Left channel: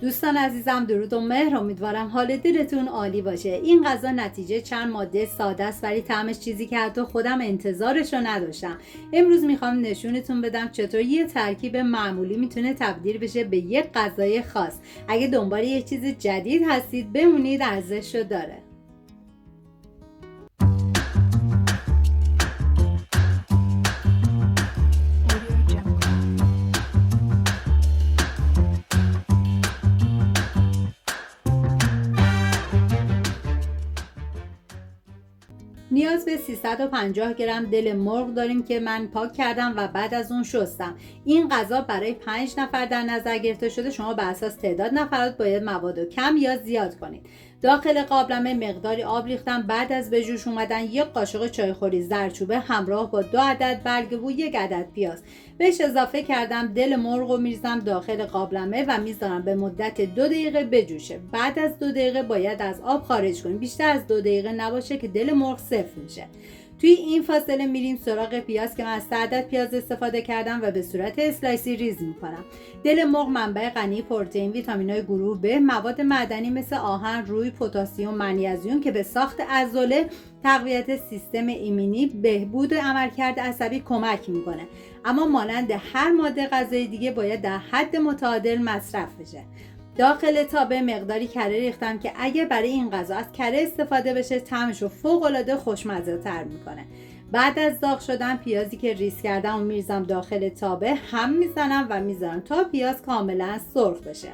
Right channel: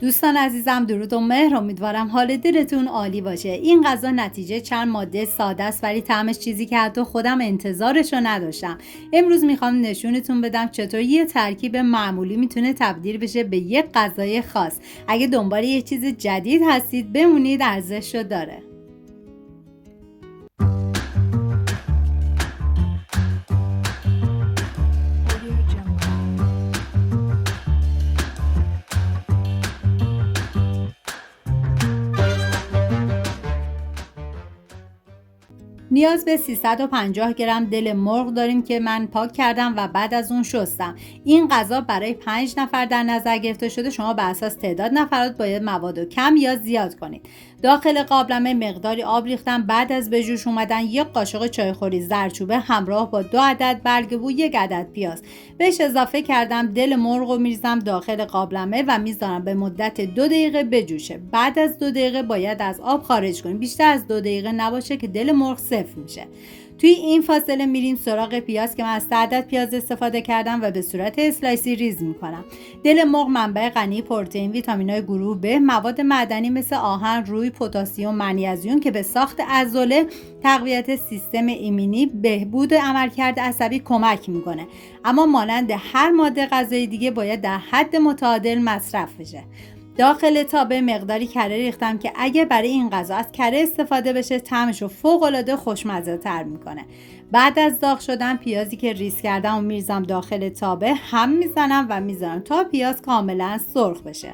دوستان عزیزم، درود و مهر. امیدوارم حال دلتون عالی باشه. این غذا نتیجه چند ماده ساده است ولی طعمش چیزی که حتی خودم انتظارش رو نداشتم. امروز میخوام نشونتون بدم چطور یه ترکیب معمولی میتونه تبدیل بشه به یک غذای خاص. اگه دنبال یه چیز جدید هستید بمونید، ارزش رو داره. نیاز به 350 گرم دل مرغ داریم که من پاک کردم و بعد از اون شستم. این غذا برای 5 نفر در نظر گرفته شده. شما بر اساس تعداد نفرات باید مواد کم یا زیاد کنید. داخل قابلمه مقداری آب ریختم. بعد از به جوش اومدن یک قاشق چایخوری زردچوبه همراه با 2 عدد برگ 1 عدد پیاز بهش اضافه کردم. دل مرغ رو میریزم داخل قابلمه و میذارم به مدت 2 دقیقه بجوشه. بعد از 2 دقیقه باید از آب خارج کنیم. بیشتر از 2 دقیقه نباشه که دل مرغ سفت میشه. توی این فاصله میریم سراغ پیاز که من از 3 عدد پیاز استفاده کردم و به صورت اسلایسی ریز میکنم. دل مرغ منبع غنی پروتئین، ویتامین‌های گروه ب، مواد معدنی مثل آهن، روی، پتاسیم، منیزیم که به ساخت عضله، تقویت سیستم ایمنی، بهبود عملکرد عصبی کمک میکنه. اما مانند هر ماده غذایی دیگه باید در حد متعادل مصرف بشه. داخل تابه مقداری کره ریختم که اگه برای این غذا از کره استفاده بشه طعمش رو فوق‌العاده خوشمزه تر میکنه. بعد از داغ شدن پیازی که ریز کردم و میریزم داخل تابه، هم میزنم و میذارم تا پیاز کاملا سرخ بشه.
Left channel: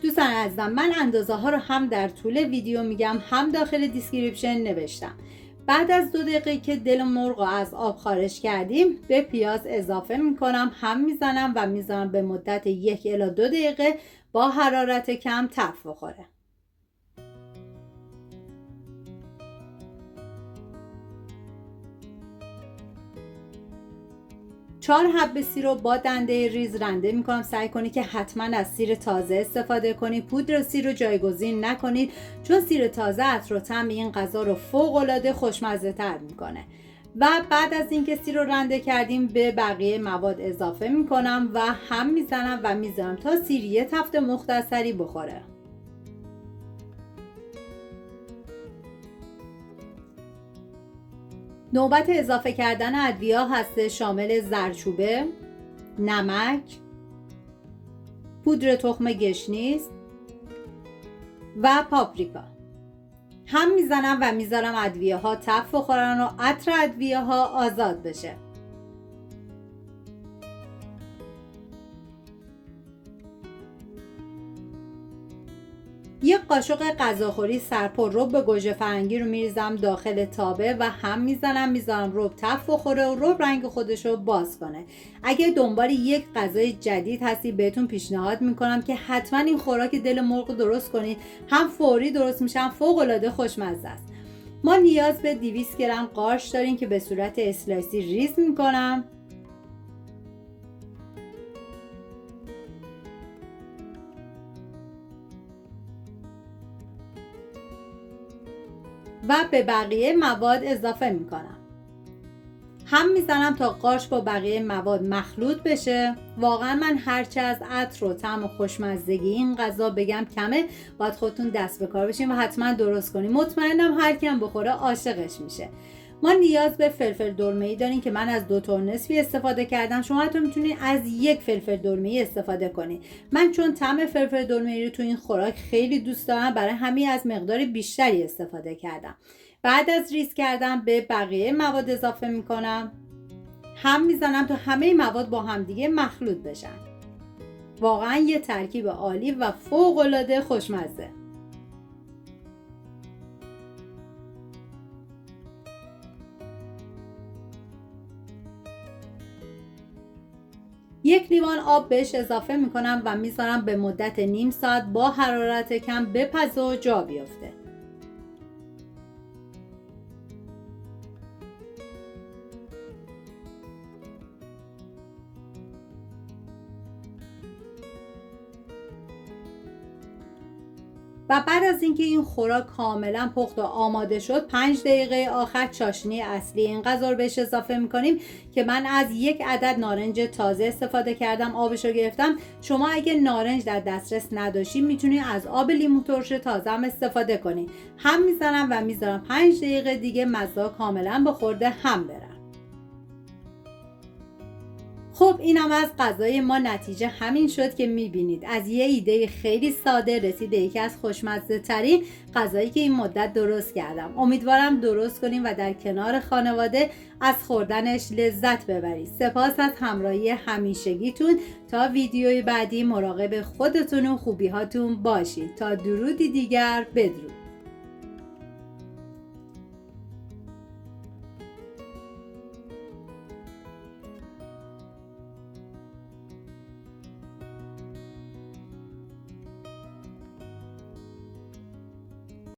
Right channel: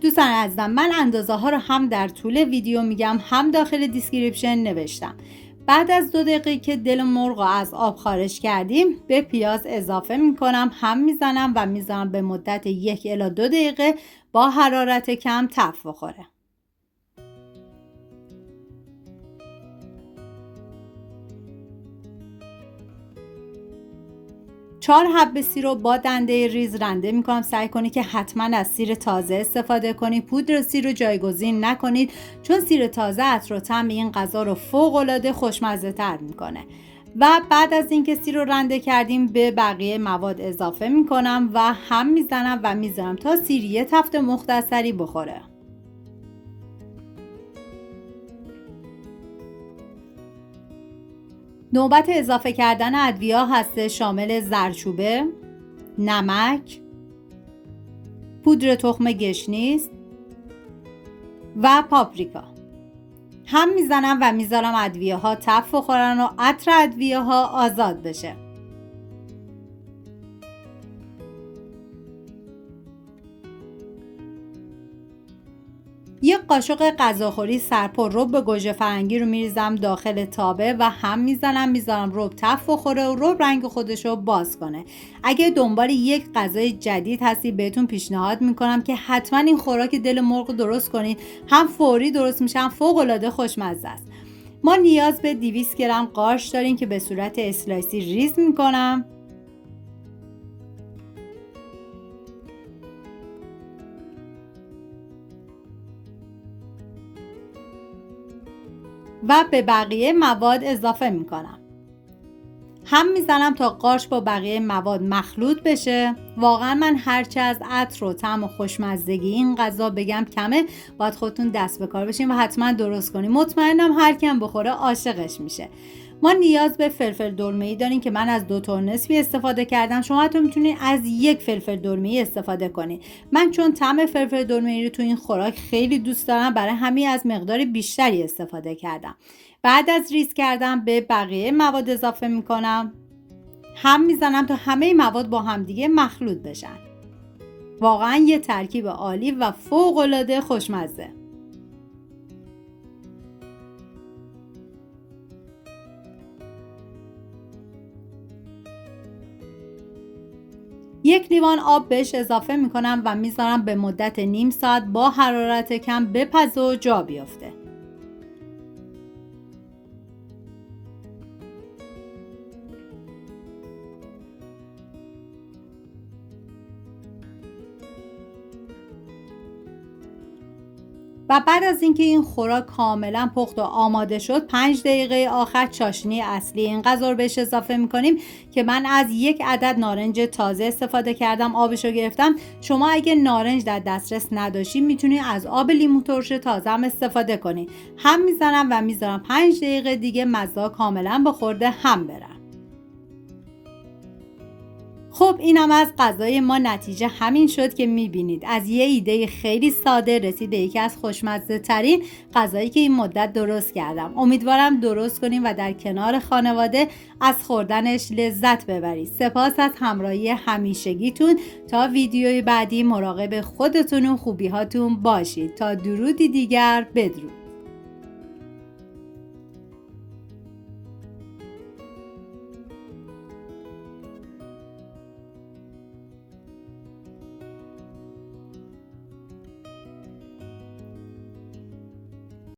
دوستان عزیزم، من اندازه ها رو هم در طول ویدیو میگم هم داخل دیسکریپشن نوشتم. بعد از 2 دقیقه که دل مرغ رو از آب خارج کردیم به پیاز اضافه میکنم، هم میزنم و میذارم به مدت 1 الی 2 دقیقه با حرارت کم تف بخوره. 4 حب سیر رو با دنده ریز رنده میکنم. سعی کنید که حتما از سیر تازه استفاده کنید. پودر سیر رو جایگزین نکنید چون سیر تازه عطر و طعم این غذا رو فوق العاده خوشمزه تر میکنه. و بعد از اینکه سیر رو رنده کردیم به بقیه مواد اضافه میکنم و هم میزنم و میذارم تا سیر یه تفت مختصری بخوره. نوبت اضافه کردن ادویه هست، شامل زردچوبه، نمک، پودر تخم گشنیز و پاپریکا. هم میزنم و میذارم ادویه ها تف بخورن و عطر ادویه ها آزاد بشه. یک قاشق غذاخوری سرپر رب گوجه فرنگی رو میریزم داخل تابه و هم میذارم رب تف بخوره و رب رنگ خودش رو باز کنه. اگه دنبال یک غذای جدید هستی بهتون پیشنهاد میکنم که حتما این خوراک دل مرغ درست کنید. هم فوری درست میشه، هم فوق العاده خوشمزه است. ما نیاز به 200 گرم قارچ داریم که به صورت اسلایسی ریز میکنم. و به بقیه مواد اضافه میکنم. هم میزنم تا قارچ با بقیه مواد مخلوط بشه. واقعا من هرچه از عطر و طعم و خوشمزگی این غذا بگم کمه. باید خودتون دست به کار بشین و حتما درست کنین. مطمئنم هر کم بخوره عاشقش میشه. ما نیاز به فلفل دلمه‌ای داریم که من از 2 تار نصفی استفاده کردم. شما حتی میتونید از 1 فلفل دلمه‌ای استفاده کنید. من چون طعم فلفل دلمه‌ای رو تو این خوراک خیلی دوست دارم، برای همین از مقدار بیشتری استفاده کردم. بعد از ریز کردم به بقیه مواد اضافه میکنم. هم میزنم تا همه مواد با همدیگه مخلوط بشن. واقعا یه ترکیب عالی و فوق العاده خوشمزه. یک لیوان آب بهش اضافه میکنم و میذارم به مدت نیم ساعت با حرارت کم بپزه و جا بیفته. و بعد از اینکه این خوراک کاملا پخت و آماده شد 5 دقیقه آخر چاشنی اصلی این غذا رو بهش اضافه میکنیم که من از 1 عدد نارنج تازه استفاده کردم، آبش رو گرفتم. شما اگه نارنج در دسترس نداشتید میتونید از آب لیمو ترش تازه هم استفاده کنید. هم میزنم و میذارم 5 دقیقه دیگه مزه کاملا به خورده هم برن. خب اینم از غذای ما. نتیجه همین شد که میبینید از یه ایده خیلی ساده رسید به یکی از خوشمزه ترین غذایی که این مدت درست کردم. امیدوارم درست کنیم و در کنار خانواده از خوردنش لذت ببرید. سپاس از همراهی همیشگیتون. تا ویدیوی بعدی مراقب خودتون و خوبیهاتون باشید. تا درودی دیگر، بدرود.